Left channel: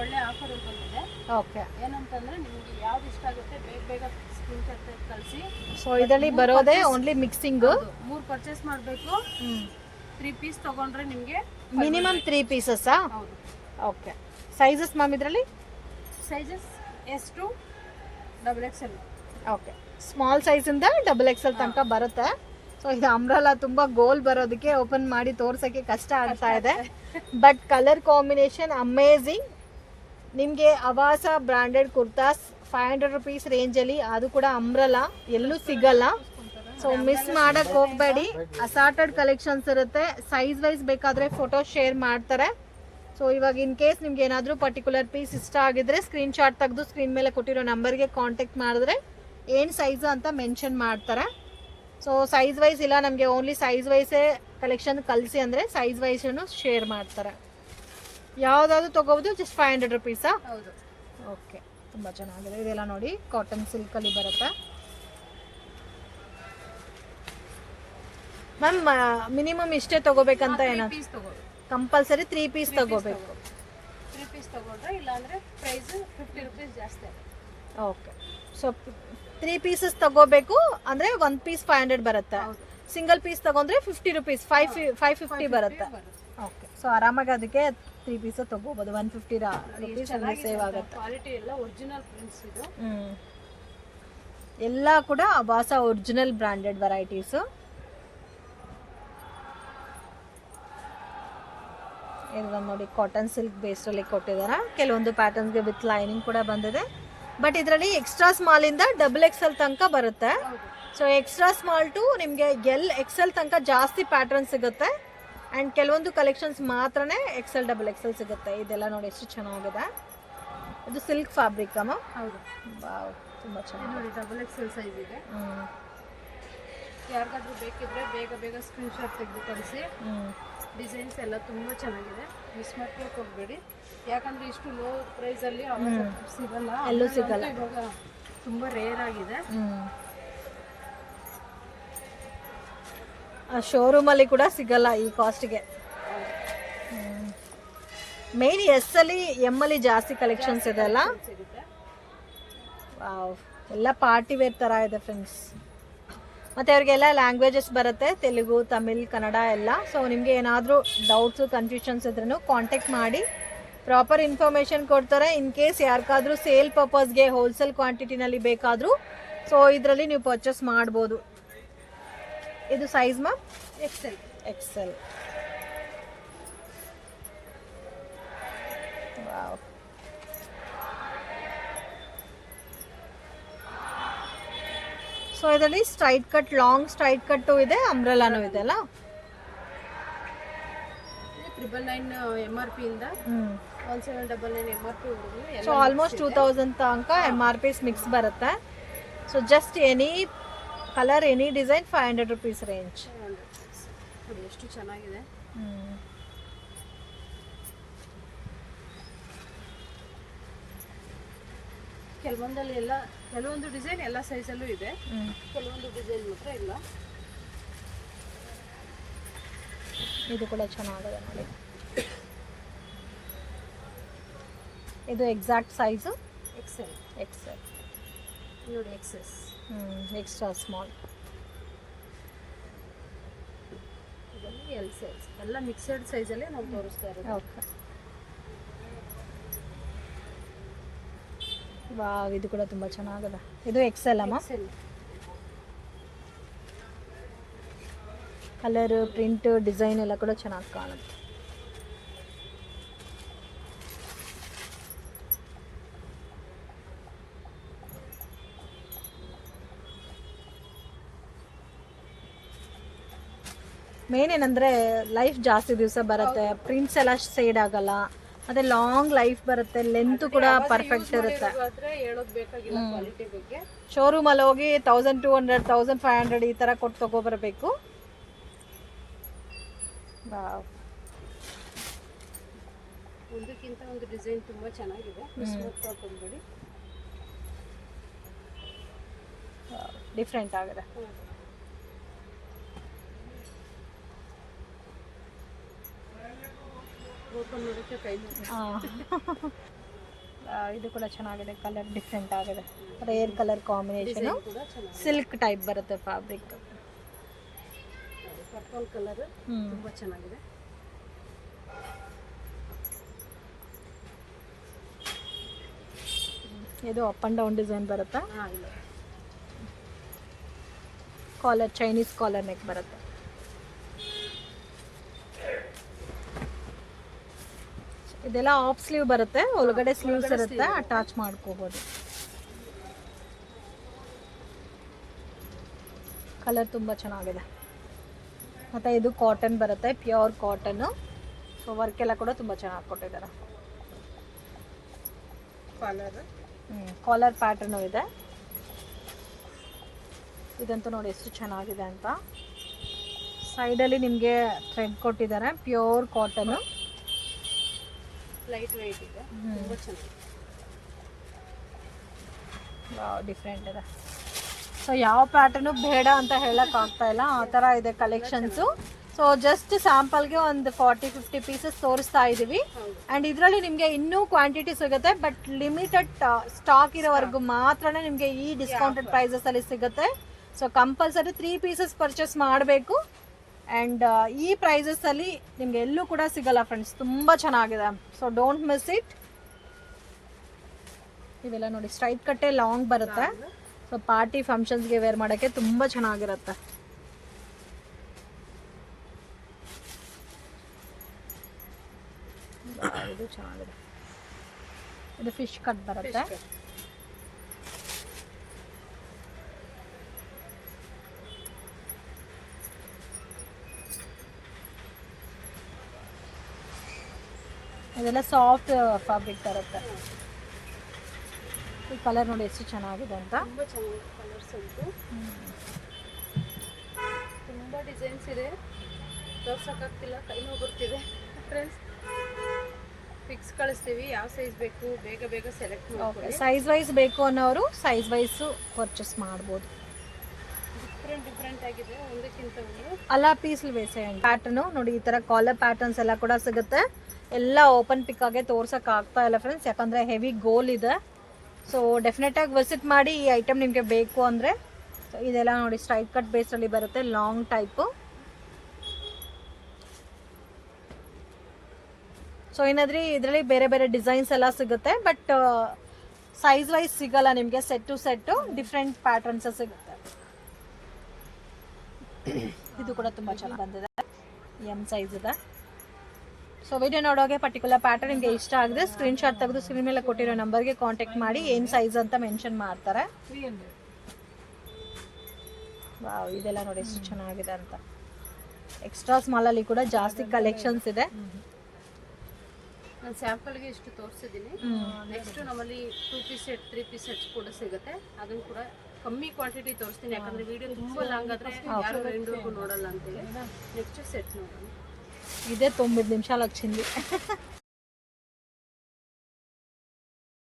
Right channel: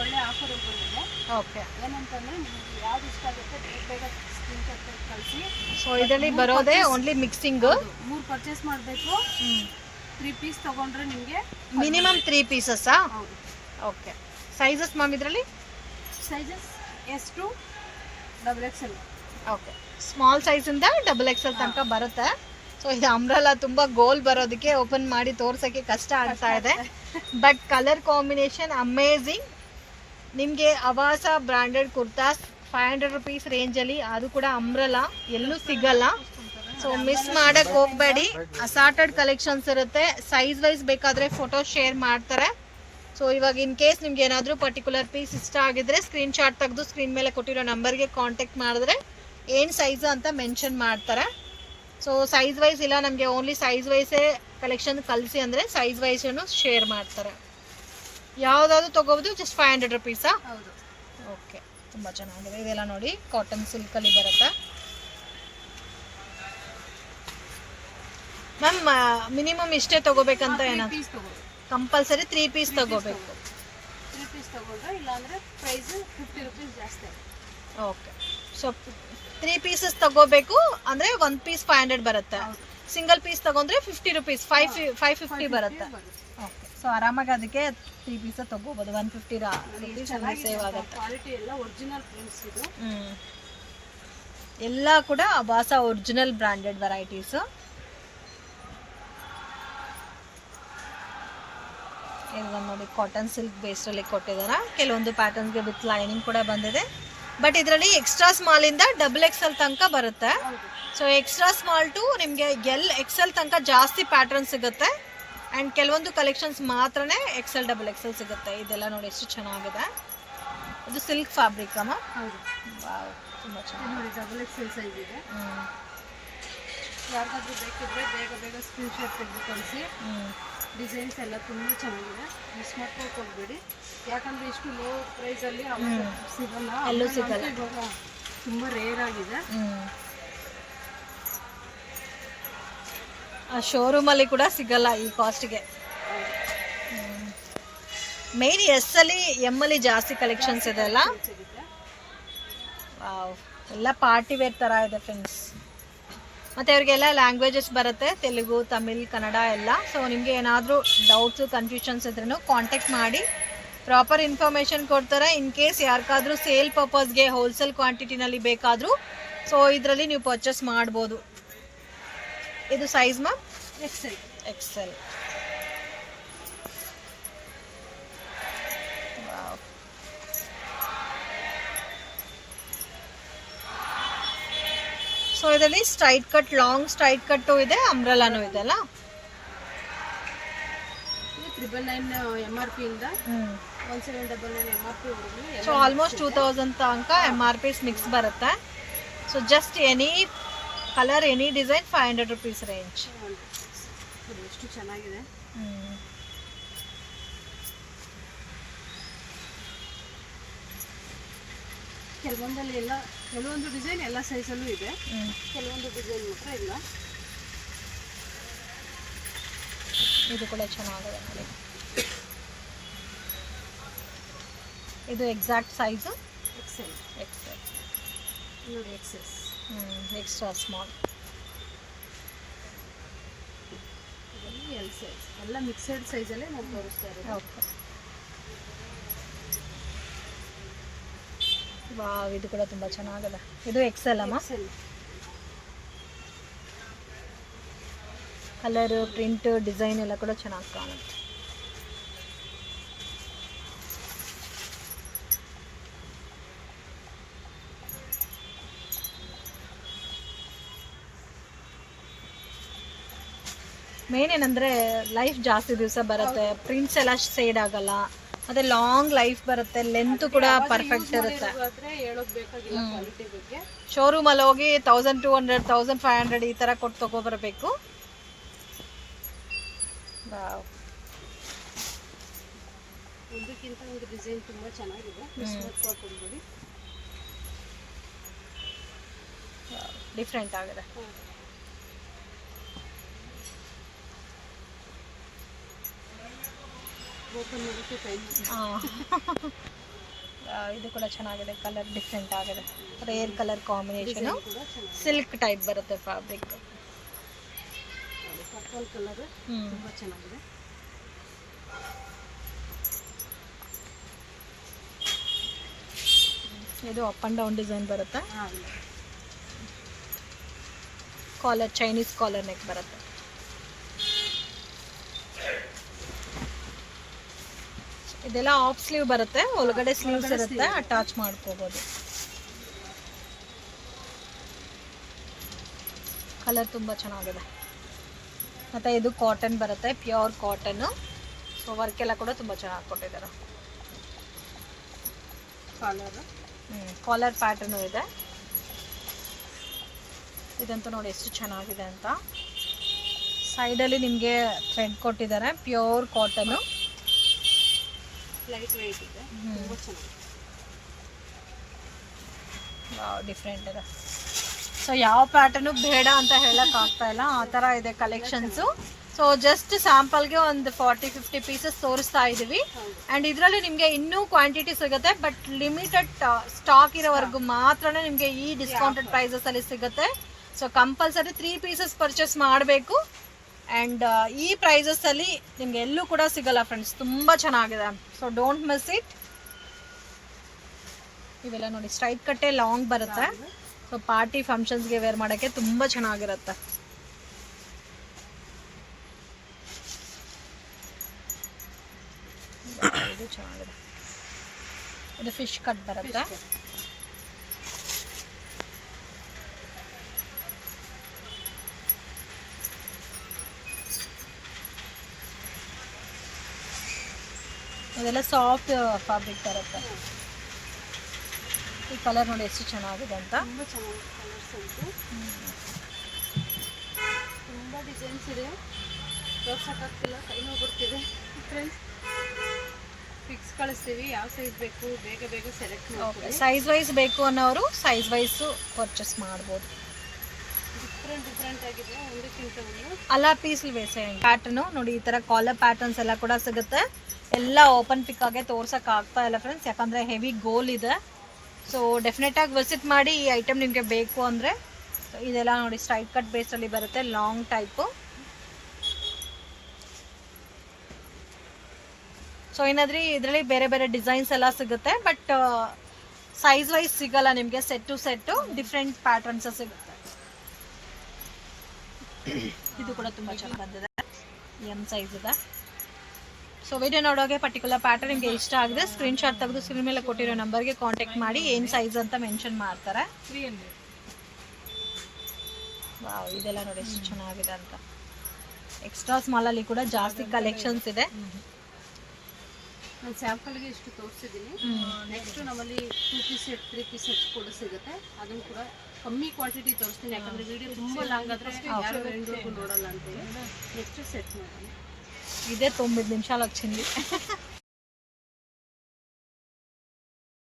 ಒಳ್ಳೆ ಆಫರ್ ಬಂದಿದೆ. ಓಕೆ. ಏನಂತಂದ್ರೆ ನಿಮಗೆ ಯಾವ್ದು ಇಷ್ಟ ಆಗುತ್ತೆ ಬೇಗ ಬೇಗ ಸ್ಕ್ರೀನ್ ಶಾಟ್ ಕಳಿಸಿ. ಸೊ ಇದರಲ್ಲಿ ಬರೋದೇ ಓನ್ಲಿ ಮಿಕ್ಸಿಂಗ್. 3 ಪರ್ಚೇಸ್ ಮಾಡಬೇಕು. 3 ಪೀಸ್ ತಗೊಂಡ್ರೆ ನಿಮಗೆ ಮಿನಿಮಮ್ 3 ಪೀಸಸ್ಸಾ? ಹೌದು. ಓಕೆ. ಸೈಜಸ್ ಮ್ಯಾಮ್ ಇದರಲ್ಲಿ? Sizes S2 XXL. Okay. Small ಸೈಜಿಂದ XXL ತನಕ ಬರುತ್ತೆ. ಸೊ ಇದು ಅಂಬ್ರೆಲಾ ತುಂಬ ಗೋಲ್ ಬರೋದಕ್ಕೆ ಓಪನ್ ಮಾಡಿ ತೋರ್ಸೋಕ್ಕೆ ಕಷ್ಟ ಆಗ್ತಾ ಇದೆ. But colour combination amazing. ನಿಮಗೆ ಅವಾಸ ಬ್ರ್ಯಾಂಡೆಡ್ ಕುರ್ತಾಸ್ 500 ರುಪೀಸ್ ರೇಂಜಲ್ಲಿ, ಅದು ಕೂಡ ಅಂಬ್ರೆಲಾ ಎಲ್ಲೂ ಸಿಗಲ್ಲ. ಸೊ ಮಿಸ್ ಮಾಡಕ್ಕೆ ಹೋಗಬೇಡಿ. ಅಸಾರ್ಟೆಡ್ ಕಲೆಕ್ಷನ್ಸ್ ಇರುತ್ತೆ. ಸೈಜ್ ವೈಸ್ ಬೇಕಾದರೆ ಫೋಟೋ ಶೇರ್ ಮಾಡ್ತಾರೆ. ಸೊ ಇವಾಗ ಇನ್ ಕೇಸ್ ನಿಮ್ಗೆ ಏನಾದರೂ ಪರ್ಟಿಕ್ಯುಲರ್ ಪೀಸ್ ಇಷ್ಟ ಆಗಿದ್ರೆ ಸ್ಕ್ರೀನ್ಶಾಟ್ ತೆಗೆದು ಸ್ಕ್ರೀನ್ ಮೇಲೆ ಕೊಟ್ಟಿರೋ ನಂಬರ್ಗೆ ಕಾಂಟ್ಯಾಕ್ಟ್ ಮಾಡಿದ್ರೆ ಏನು ಸೈಜ್ ಅಂತ ಮೆನ್ಷನ್ ಮಾಡ್ತಾರೆ. ಸೊ ಸೈಜ್ ವೈಸ್ ಇಲ್ಲ ನಮಗೆ ಓನ್ಲಿ ಸೈಜ್ ವೈಸೇ ಕಲೆಕ್ಷನ್ ಕಳಿಸಿ ಅಂದರೆ ಸೈಜ್ ವೈಸನ್ನು ಶೇರ್ ಮಾಡ್ತಾರೆ. ಯಾವುದಾದ್ರು ತೊಗೋಬೋದು. ಜಸ್ಟ್ 500 ರುಪೀಸಾ? ಹೌದು. ಓಕೆ. ತುಂಬ ಚೆನ್ನಾಗಿದೆ. ಇದೆಲ್ಲ ನೋಡಿ ಕಾಟನ್ ಸಿಲ್ಕಲ್ಲಿ ಬರುತ್ತೆ. ಮ್ಯಾಮ್ ಮಿನಿಮಮ್ ಇಷ್ಟೇ ತೊಗೋಬೇಕಂತ ಏನಾದ್ರು ಕಂಪಲ್ಸರಿ 3 ಪೀಸ್ ತೊಗೋಬೇಕು? 3 ಪೀಸ್ ತೊಗೊಂಡ್ರೆ ಇಲ್ಲಾಂದರೆ ಪ್ರೈಸು 50 ರುಪೀಸ್ ಜಾಸ್ತಿ ಆಗುತ್ತೆ. ಓಕೆ. ಸೊ 3 ಪೀಸಸ್ ತಗೋಬೇಕು ಅಂದರೆ 1 ಪೀಸ್ 500 ಬರುತ್ತೆ. ಸಿಂಗಲ್ ಪೀಸ್ ತಗೊಂಡ್ರೆ 50 ರುಪೀಸ್ 550 ಬರುತ್ತೆ. ಓಕೆ. ಸೊ ಆರಾಮಾಗಿ ಅದಕ್ಕೆ 3 ಪೀಸ ತಗೋಬೋದು. 150 ರುಪೀಸ್ ಸೇವ್ ಆಗುತ್ತೆ. ಕ್ವಾಲಿಟಿ ಎಲ್ಲ ಒರಿಜಿನಲ್ ಪ್ರಿಂಟ್ಸ್ ಇದು. ಎಲ್ಲ ಕೂಡ ಅಬಾಸ ಒರಿಜಿನಲ್ ಬ್ರ್ಯಾಂಡೆಡ್ ವೆರೈಟೀಸು. ಇದನ್ನು ನೋಡಿ ಕಾಟನ್ ಸಿಲ್ಕ್ ಬೇಸ್ಡಲ್ಲಿ ಕೊಟ್ಟಿದ್ದಾರೆ. ಕೆಲವೊಂದು ಪ್ಯಾಟರ್ನ್ಸ್ಗೆ ವಿತ್ ಲೈನಿಂಗ್ ಕೂಡ ಬಂದಿದೆ. ಬಟ್ ಇದರಲ್ಲಿ ಎಕ್ಸ್ಟ್ರಾ ಸ್ಮಾಲಿಂದ XXL ತನಕ ಬರುತ್ತೆ. ಸೊ ಎಕ್ಸ್ಟ್ರಾ ಸ್ಮಾಲ್ ಟು ನಿಮಗೆ XL ತನಕ ಜಾಸ್ತಿ ಪ್ಯಾಟರ್ನ್ ಸಿಗುತ್ತೆ. ಆ್ಯಂಡ್ ಕೆಲವೊಂದು ಕಲೆಕ್ಷನ್ಸ್ ಮಾತ್ರನೇ XL ಸಿಗುತ್ತೆ. ಇದೆಲ್ಲ ನೋಡಿ ಎಷ್ಟು ಚೆನ್ನಾಗಿದೆ. ಇದು ಸಿಲ್ಕ್ ಫ್ಯಾಬ್ರಿಕ್ ಅಮ್ಮ? ಹೌದು. ತುಂಬ ಚೆನ್ನಾಗಿ ನೋಡಿ XXL ಸೈಜ್ ಇದೆ. ಯಾರಿಗಾದ್ರೂ ಬೇಕಿದ್ರೆ ಬೇಗ ಬೇಗ ಸ್ಕ್ರೀನ್ಶಾಟ್ ತೆಗೆದು ಕಳಿಸಿ. ಡಿಸೈನ್ಸ್ ಎಲ್ಲ ತುಂಬ ಚೆನ್ನಾಗಿದೆ. ಮಿಸ್ ಮಾಡ್ಕೊಂಡು ಹೋಗಬೇಡಿ. ಯಾಕಂದರೆ ಇಷ್ಟು ಲೋ ಪ್ರೈಸಲ್ಲಿ ಸಿಗಲ್ಲ, ಎಲ್ಲೂ ಸಿಗಲ್ಲ. ಇವಾಗ ತುಂಬ ರೇರ್ ಆಗಿದೆ. ಶೋರೂಮಲ್ಲಿ ಕೂಡ ಸಿಗಲ್ಲ ಈ ಕಾಸ್ಟ್ಗೆ. ಮೇನ್ ಎಸ್ಸಲ್ಲಿ ಎಮ್ಮಲ್ಲಿ ಜಾಸ್ತಿ ಕಲೆಕ್ಷನ್ಸ್ ಇದೆ ಅಲ್ಲ. ಎಲ್ಲ ಪಾರ್ಟಿ ವೇರ್ ಥರ ಇದೆ ಫ್ರೆಂಡ್ಸ್. ಮತ್ತು ಅವ್ರಿಗೆಲ್ಲ ಲ್ಯಾಂಗ್ವೇಜಸ್ ಬರುತ್ತೆ, ತೆಲುಗು, ತಮಿಳ್, ಕನ್ನಡ ಎಲ್ಲ. ಸೊ ನಿಮಗೆ ಏನಾದರೂ ಡೌಟ್ಸು ಕನ್ಫ್ಯೂಷನ್ಸ್ ಇದ್ರೂ ಕಾಂಟ್ಯಾಕ್ಟ್ ಮಾಡಿ ಪ್ರಾಪರ್ ಇನ್ಫಾರ್ಮೇಷನ್ ಕೊಡ್ತಾರೆ. ಇನ್ ಕೇಸ್ ಯಾರಿಗಾದ್ರೂ ಸೇಲ್ ಪರ್ಪಸ್ಗೆ ಹೋಲ್ಸೇಲ್ ಕ್ವಾಂಟಿಟಿನಲ್ಲಿ ಬೇಕಾದರೂ ಸೊ ಇದರಲ್ಲಿ ನೀವು ಪರ್ಚೇಸ್ ಮಾಡ್ಬೋದು. ಇದು ಸೈಜ್ ಮ್ಯಾಮ್? XL. ಸೊ ಇದರಲ್ಲಿ ಸ್ಟ್ರೈಟ್ ಕಟ್, ಲಾಂಗ್ ಸ್ಟ್ರೈಟ್ ಕಟ್ಟು ಇದೆ, ಅಂಬ್ರೆಲಾನು ಇದೆ ಅಲ್ಲ. 999 MRP ಇಂದ 1799 MRP ವರೆಗೂ. ಸೊ ಆಲ್ಮೋಸ್ಟ್ 2000 ತನಕ MRP ಮಿಕ್ಸ್ ಬರುತ್ತೆ. So just any colour any design 500 rupees range. ಎಷ್ಟು ಚೆನ್ನಾಗಿದೆ. ಕೆಲವೊಂದಲ್ಲಿ ಎಲ್ಲ ಕೆಲವೊಂದು ಡಿಸೈನ್ ಎಲ್ಲ ಸೈಜಲ್ಲೂ ಇದೆ, ಕೆಲವೊಂದು ಡಿಸೈನ್ ಮಾತ್ರ ಇಲ್ಲ. ಇದು ಕೂಡ ಚೆನ್ನಾಗಿದೆ ನೋಡಿ. ಇದು ಎಕ್ಸಾಕ್ಟ್ ಸೈಜು XL ನೋಡಿ. XS extra small. ಇದರಲ್ಲಿ L ಸೈಜ್ ಎಲ್ಲ ಮಿಕ್ಸೆಡ್ ಸೈಜಲ್ಲೇ ನಾವು ತೋರಿಸ್ತಾ ಇರೋದು. ಓಕೆ. ವಾವ್, ಇದು ಕೂಡ ತುಂಬ ಚೆನ್ನಾಗಿದೆ. ಇದು XL ಅಮ್ಮ? ಕಲರ್, ಪ್ರಿಂಟ್, ಡಿಸೈನ್ ಎಲ್ಲ ಕೂಡ ಚೆನ್ನಾಗಿ ಕಾಣುತ್ತೆ. ಮೇನ್ ಏನಂದರೆ ಲೈಫ್ ಜಾಸ್ತಿ ದಿವಸ ಬರುತ್ತೆ, ಪ್ರಿಂಟ್ಸ್ ಎಲ್ಲ ಸೇಡ್ ಆಗಲ್ಲ, ಮತ್ತೆ ಲಾಂಗ್ ಲೈಫ್ ಬರುತ್ತೆ, ಲೆಂತ್ ಕೂಡ ಪರ್ಫೆಕ್ಟ್ ಇರುತ್ತೆ. ಶೋರೂಮಲ್ಲಿ ಹೋಗಿ 1200 1500 ಈ ಥರ ಕೊಟ್ಟು ತಗೊಬರ್ಬೇಕು. ಒಂದಕ್ಕಿಂತ ಒಂದು ಡಿಸೈನ್ ತುಂಬ ಚೆನ್ನಾಗಿದೆ. ಡಿಫ್ರೆಂಟ್ ಆಗಿದೆ. ಓಪನ್ ಮಾಡೋಕ್ಕೆ ಟೈಮ್. ಇದು ಕೂಡ ಚೆನ್ನಾಗಿದೆ, ಕಲರ್ ಡಿಫ್ರೆಂಟ್ ಆಗಿದೆ, ರೇರ್ ಕಲರ್ ಕಾಂಬಿನೇಷನ್, ಕೂಡ ಚೆನ್ನಾಗಿದೆ. ಸಿಲ್ಕ್ ಟೈಪ್ ಬರುತ್ತೆ ಫ್ಯಾಬ್ರಿಕ್. ಪರ್ಪಲ್ ಕಲರ್ ತುಂಬಾ ಚೆನ್ನಾಗಿದೆ. ಇದು ಅಪ್ ಆ್ಯಂಡ್ ಡೌನ್ ಡಿಸೈನ್ ಬರುತ್ತೆ, ಹಾಂ, ಕಾಲರ್ ಚೈನೀಸ್ ಕಾಲರ್ ನೆಕ್ ಬರುತ್ತೆ. ಇದೆಲ್ಲ ಆಫ್ ಸ್ಲೀವ್ ಬರುತ್ತೆ, ಒಳಗಡೆ ಸ್ಲೀವ್ಸ್ ಇರುತ್ತೆ, ಅಟ್ಯಾಚ್ ಮಾಡ್ಕೋಬೋದು. ಕಲರ್ ತುಂಬ ಚೆನ್ನಾಗಿದೆ. ಮತ್ತು ಇದು ಕಾಟನ್ ಬರುತ್ತೆ, ಪ್ಯೂರ್ ಕಾಟನ್ನು. ಸೊ ವರ್ಕ್ ಎಲ್ಲ ಕೂಡ ತುಂಬ ಚೆನ್ನಾಗಿ ಕೊಟ್ಟಿದ್ದಾರೆ. ಕಾಲರ್ ಪ್ಯಾಟರ್ನು ಇದೆ. ಇದಂತೂ ನೋಡಿ ಎಷ್ಟು ಚೆನ್ನಾಗಿದೆ ಅಂತ. ಸೈಡಲ್ಲಿ ನಿಮಗೆ ಥ್ರೆಡ್ ಕೊಟ್ಟಿದ್ದಾರೆ, ಪ್ಯೂರ್ ಕಾಟನ್ನು, ಲೈಟ್ ವೆಯ್ಟ್ ಇದೆ, ತುಂಬಾ ಚೆನ್ನಾಗಿದೆ. ಡಿಫ್ರೆಂಟ್ ಇದೆ. ಸೊ ಯಾವ ಪ್ಯಾಟರ್ನು ಬೇಡ ಅಂತ ಹೇಳಕ್ ಆಗ್ತಾ ಇಲ್ಲ, ಆ ಥರ ಇದೆ ಕಲೆಕ್ಷನ್ಸು. ಸೊ ಜಸ್ಟ್ ಸ್ಯಾಂಪಲ್ಗೆ ಒಂದು 40-50 ಪೀಸಸ್ ತೋರಿಸ್ತಾ ಇದ್ದೀವಿ. ಆ್ಯಂಡ್ ಇದರಲ್ಲಿ ನಿಮಗೆ ಇನ್ನೂ ಕ್ವಾಂಟಿಟಿ ಸಿಗುತ್ತೆ, ಬಟ್ ಲಿಮಿಟೆಡ್ ಸ್ಟಾಕ್ ಇರೋವರೆಗೂ ಮಾತ್ರ ನಿಮಗೆ ಈ ಡಿಸ್ಕೌಂಟೆಡ್ ಪ್ರೈಸಸಲ್ಲಿ ಸಿಗುತ್ತೆ. ಸೊ ಕಂಪಲ್ಸರಿ 3 ಪೀಸಸ್ ಪರ್ಚೇಸ್ ಮಾಡಬೇಕು. ಆ್ಯಂಡ್ ಈ ಪ್ರೈಸಸಲ್ಲಿ ನಿಮಗೆ ಎಲ್ಲೂ ಕೂಡ ಸಿಗಲ್ಲ ಫ್ರೆಂಡ್ಸ್, ತುಂಬ ಚೆನ್ನಾಗಿದೆ. So don't miss it. ಇವೆಲ್ಲ ನೋಡಿ ಸ್ಟ್ರೈಟ್ ಕಟ್ಟೆ ಲಾಂಗ್ ಬರುತ್ತೆ. ಸೊ ಪಾರ್ಟಿ ಫಂಕ್ಷನ್ಸ್ಗೆ ವೇರ್ ಮಾಡೋಕ್ಕೆ ತುಂಬ ಚೆನ್ನಾಗಿರುತ್ತೆ. ಇದು ಚೆನ್ನಾಗಿದೆ. ಇದು ಫಿಶ್ ಕಟ್ ಬರುತ್ತೆ. ಅದೆಲ್ಲ ಸಾಫ್ಟ್ ಫ್ಯಾಬ್ರಿಕ್ ಬರುತ್ತೆ. ಈ ಕಲರ್ ನೋಡಿ ಎಷ್ಟು ಚೆನ್ನಾಗಿದೆ ಅಂತ. ತುಂಬ ಚೆನ್ನಾಗಿದೆ ಕಲರ್ಸ್ ಅಂತೂ. ತುಂಬ ಡಿಸೈನ್ಸ್ ಇದೆ, ತೋರ್ಸೋಕ್ಕಾಗ್ತಿಲ್ಲ, ಕೈ ನೋವು ಬರ್ತಿದೆ ಫ್ರೆಂಡ್ಸ್. ಫಿಕ್ಸ್ ಕಳಿಸ್ತೀವಿ, ಯಾವ ಸೈಜ್ ಬೇಕು ಬೇಗ ಬೇಗ ಸೆಲೆಕ್ಟ್ ಮಾಡ್ಕೊಳ್ಳಿ. ಸೈಜ್ ವೈಸ್ ಬೇಕು ಅನ್ನೋರು ಸೈಜ್ ವೈಸು ಪರ್ಚೇಸ್ ಮಾಡ್ಬೋದು. ಡಿಫ್ರೆಂಟ್ ಆಗಿದೆ, ಒಂದಕ್ಕಿಂತ ಒಂದು. ಅಲ್ಲ ಪೀಸ್ ಬೇಸೆ ಪ್ಯಾಟರ್ನು ನೋಡಿ, ಈ ಥರ ಕಾಲರ್ ಪ್ಯಾಟರ್ನ್ಸ್ ಎಲ್ಲ ಕೂಡ ಸಿಗುತ್ತೆ. ಎಲ್ಲ ಓಪನ್ ಪಿಕ್ ಆಗಿ ತೋರ್ಸೋಕೆ ಆಗ್ತಾ ಇಲ್ಲ ಫ್ರೆಂಡ್ಸ್, ಯಾಕಂದರೆ ಹೆವಿ ಗೋಲ್ ಇದೆ. ಸೊ ಡೆಫಿನೆಟಾಗಿ ವಿಸಿಟ್ ಮಾಡಿ ಈ ಐಟಮ್ ನಿಮಗೆ ಬೇಕು ಅಂದರೆ. ಇದೆಲ್ಲ ನೋಡಿ ಸ್ಟ್ರೈಟ್ ಕಟ್ ಬೇಸಲ್ಲಿ ಬರುತ್ತೆ, ಲಾಂಗ್ ಟೈಪು. ಸೊ ಏನಾದ್ರೂ ಇದರಲ್ಲಿ ಬೇರೆ ಬೇರೆ ಡಿಸೈನ್ಸ್ ಎಲ್ಲ ಸಿಗುತ್ತೆ, ಬಟ್ ಸೈಜ್ ವೈಸ್ ಸಿಗಲ್ಲ ನಿಮಗೆ. Set to set different patterns ಸಿಗುತ್ತೆ. ಇದು ಕೂಡ ತುಂಬ ಚೆನ್ನಾಗಿ ಬಂದಿದೆ, ಎಮ್ ಸೈಜ್ ಇದೆ. ಸೊ ವಿಡಿಯೋ ನೋಡೋಗೆ ಪರ್ಟಿಕ್ಯುಲರ್ ಪ್ಯಾಟರ್ನ್ ನಿಮಗೆ ಇಷ್ಟ ಆಗಿದೆ, ಸ್ಕ್ರೀನ್ಶಾಟ್ ತೆಗೆದು ಸ್ಕ್ರೀನ್ ಮೇಲೆ ಕೊಟ್ಟಿರೋ ನಂಬರ್ಗೆ ಕಾಂಟ್ಯಾಕ್ಟ್ ಮಾಡಿ, ಏನು ಸೈಜ್ ಅಂತ ಮೆನ್ಷನ್ ಮಾಡ್ತಾರೆ. ವಾವ್, ಇದೆಲ್ಲ ನೋಡಿ ಎಷ್ಟು ಚೆನ್ನಾಗಿದೆ ಅಂತ. ಎಕ್ಸ್ಟ್ರಾ ಸ್ಮಾಲಲ್ಲಿ ಕೂಡ ಜಾಸ್ತಿ ಕಲೆಕ್ಷನ್ಸ್ ಇದೆ. ನಾನು ಸ್ಯಾಂಪಲ್ಗೆ ಇಷ್ಟು ತೋರಿಸಿದ್ದೀನಿ. ನೆಕ್ಸ್ಟ್ ನಮ್ಮಲ್ಲಿ 2 ಪೀಸ್ ಸೆಟ್ 3 ಪೀಸ್ ಸೆಟ್ಸ್ ಕೂಡ ಸಿಗುತ್ತೆ. ಅದನ್ನು ಕೂಡ ಕಮ್ಮಿ ಕ್ವಾಂಟಿಟಿ ತೋರಿಸ್ತೀನಿ, ಯಾಕಂದರೆ ವಿಡಿಯೋ ತುಂಬ ಲಾಂಗ್ ಆದರೆ ಯಾರು ಎಂಡ್ವರೆಗೂ ನೋಡಲ್ಲ ಅಂತೇಳಿ. ನೆಕ್ಸ್ಟ್ ಸೆಟ್ ನೋಡೋಣ. ఇదే 9 నిమిషాలు వచ్చింది.